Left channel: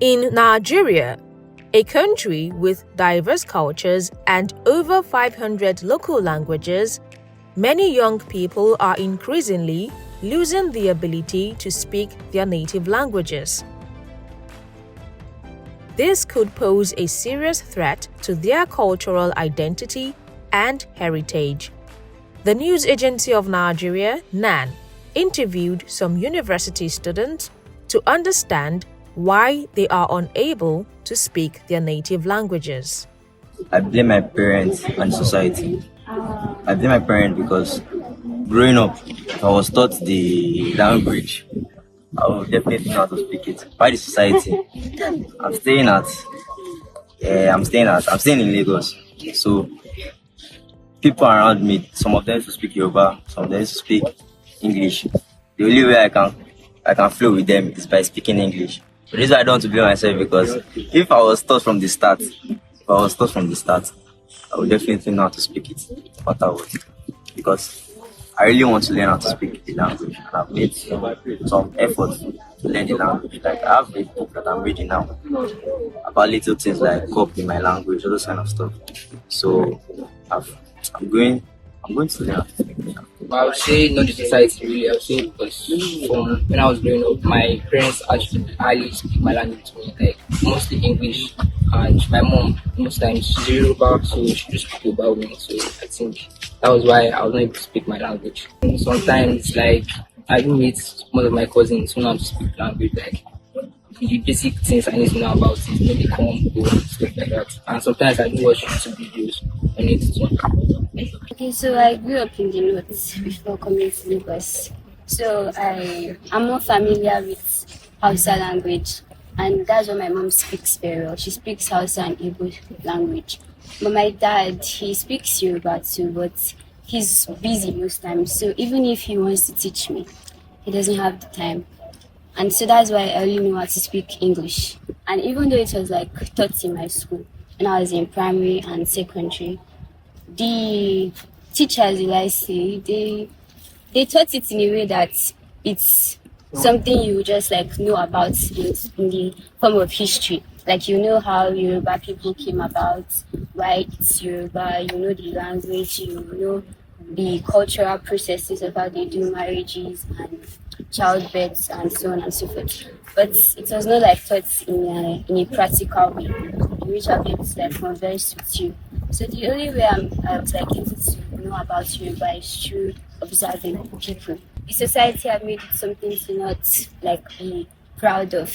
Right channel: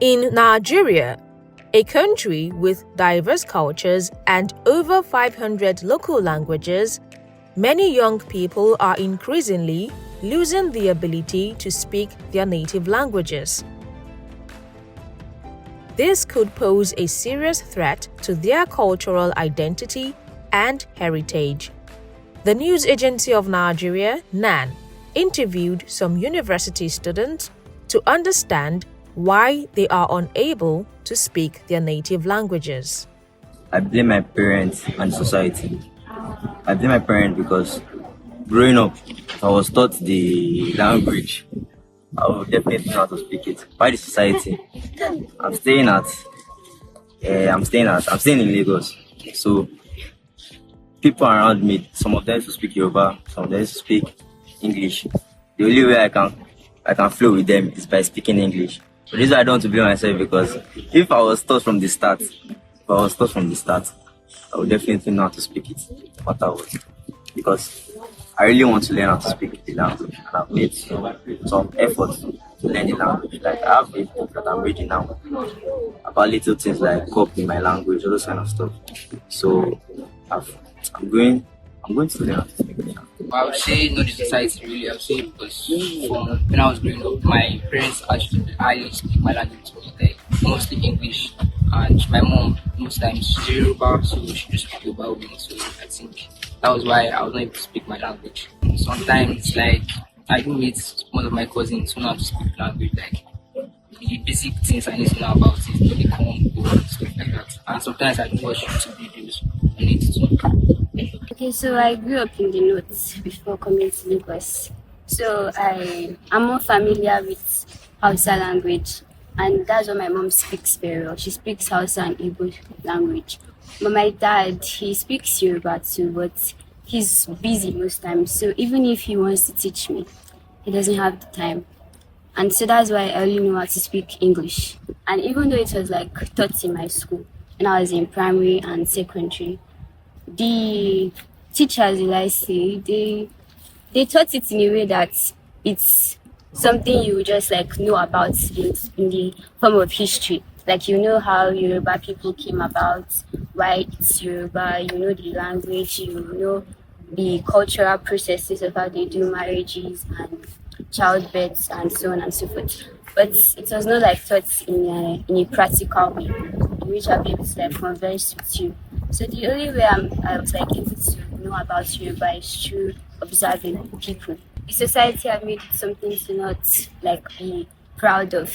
In Nigeria, a country with diverse cultures and over 500 local languages, many young people are increasingly losing the ability to speak their native languages. This could pose a serious threat to their cultural identity and heritage. The news agency of Nigeria, NAN, interviewed some university students to understand why they are unable to speak their native languages. I blame my parents and society. I blame my parents because growing up, if I was taught the language, I would definitely know how to speak it. By the society, I'm staying in Lagos. So people around me, some of them used to speak Yoruba, some of them used to speak English. The only way I can flow with them is by speaking English. The reason I don't want to blame myself because if I was taught from the start, I would definitely know how to speak it, no matter what. Because I really want to learn how to speak the language, and I've made some effort to learn the language. Like I have a book that I'm reading now about little things like copy my language, all those kind of stuff. So I'm going to learn how to speak it now. I would say not the society really. I would say because from when I was growing up, my parents actually highly speak my language to me, like mostly English, and my mom most times she's Yoruba, so she just speak about me. So I think that was why I was not able to speak my language. And sometimes, like I do meet one of my cousins who know how to speak language, like the basic things I need to know about it, maybe come, go, stuff like that. And sometimes I do watch YouTube videos on it too. Okay, so I grew up in the North before coming to Lagos. So I'm more familiar with Hausa language, and that's what my mom speaks very well. She speaks Hausa and Igbo language. But my dad, he speaks Yoruba too, but he's busy most times. So even if he wants to teach me, he doesn't have the time. And so that's why I only know how to speak English. And even though it was like taught in my school, when I was in primary and secondary, the teachers, they taught it in a way that it's something you just like know about in the form of history. Like you know how Yoruba people came about, why it's Yoruba, you know the language, you know the cultural processes of how they do marriages and childbirths and so on and so forth. But it was not like taught in a practical way, in which I'll be able to like converse with you. So the only way I was like able to know about Yoruba is through observing people. The society have made it something to not like be proud of.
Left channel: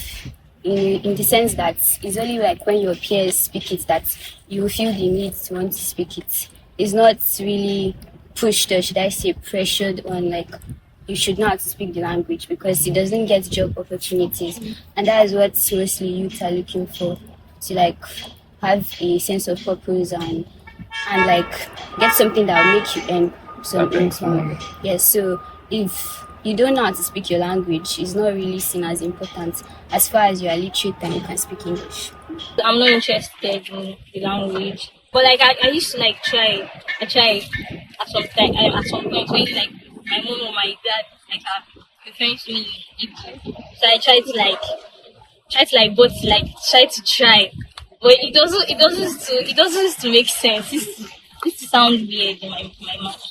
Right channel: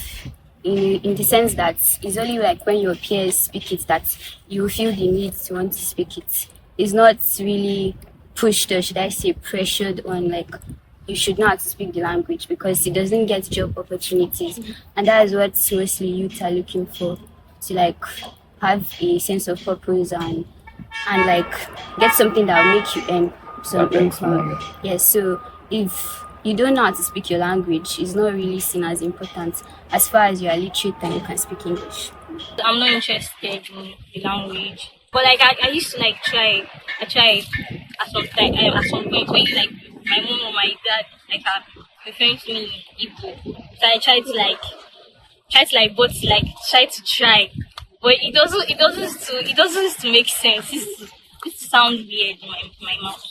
In the sense that it's only like when your peers speak it that you feel the need to want to speak it. It's not really pushed or should I say pressured on like you should know how to speak the language because it doesn't get job opportunities. And that is what seriously youth are looking for, to like have a sense of purpose and like get something that will make you earn some income. Yes, so if you don't know how to speak your language, it's not really seen as important as far as you are literate and you can speak English. I'm not interested in the language, but like I used to like try. I tried at some time. At some point, when like my mom or my dad like are referring to me in Igbo, so I try to try, but it doesn't to make sense. This sounds weird in my mouth.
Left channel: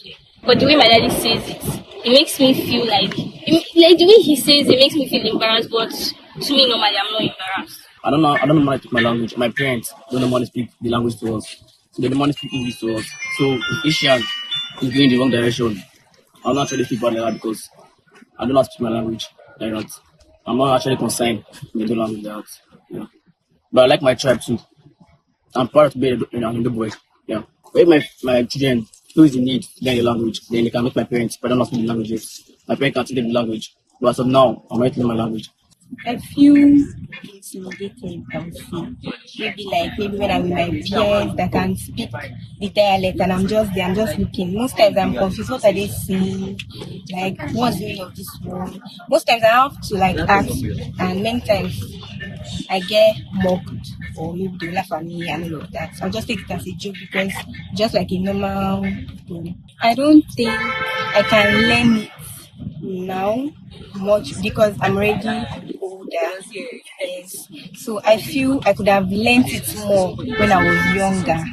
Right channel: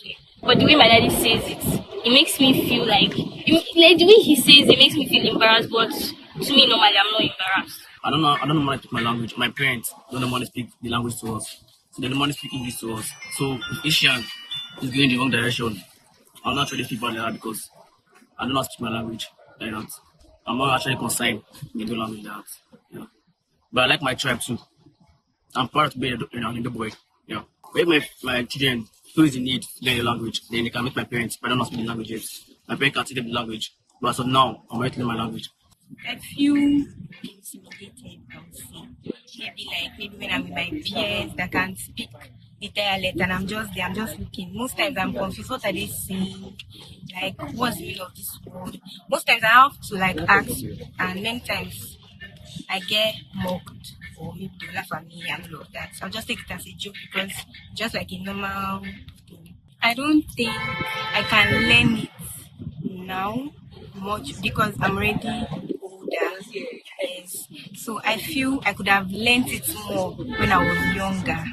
But the way my daddy says it makes me feel like the way he says it makes me feel embarrassed. But to me, normally I'm not embarrassed. I don't know how to speak my language. My parents don't know how to speak the language to us. So they don't want to speak English to us. So if this child is going the wrong direction, I'll not try to speak bad like that because I don't know how to speak my language like that. I'm not actually concerned with the language like that. Yeah. But I like my tribe too. I'm proud to be a Hindu boy. Yeah. But if my children feel the need to learn the language, then they can make my parents, but I don't know how to speak the languages. My parents can teach them the language. But as of now, I'm ready to learn my language. I feel intimidated, I would say. Maybe when I'm with my peers that can speak the dialect and I'm just looking. Most times I'm confused. What are they saying? Like, what's the meaning of this word? Most times I have to like ask, and many times I get mocked or maybe they laugh at me and all of that. So I'll just take it as a joke because just like a normal thing. I don't think I can learn it now much because I'm already older. Yes. So I feel I could have learnt it more when I was younger.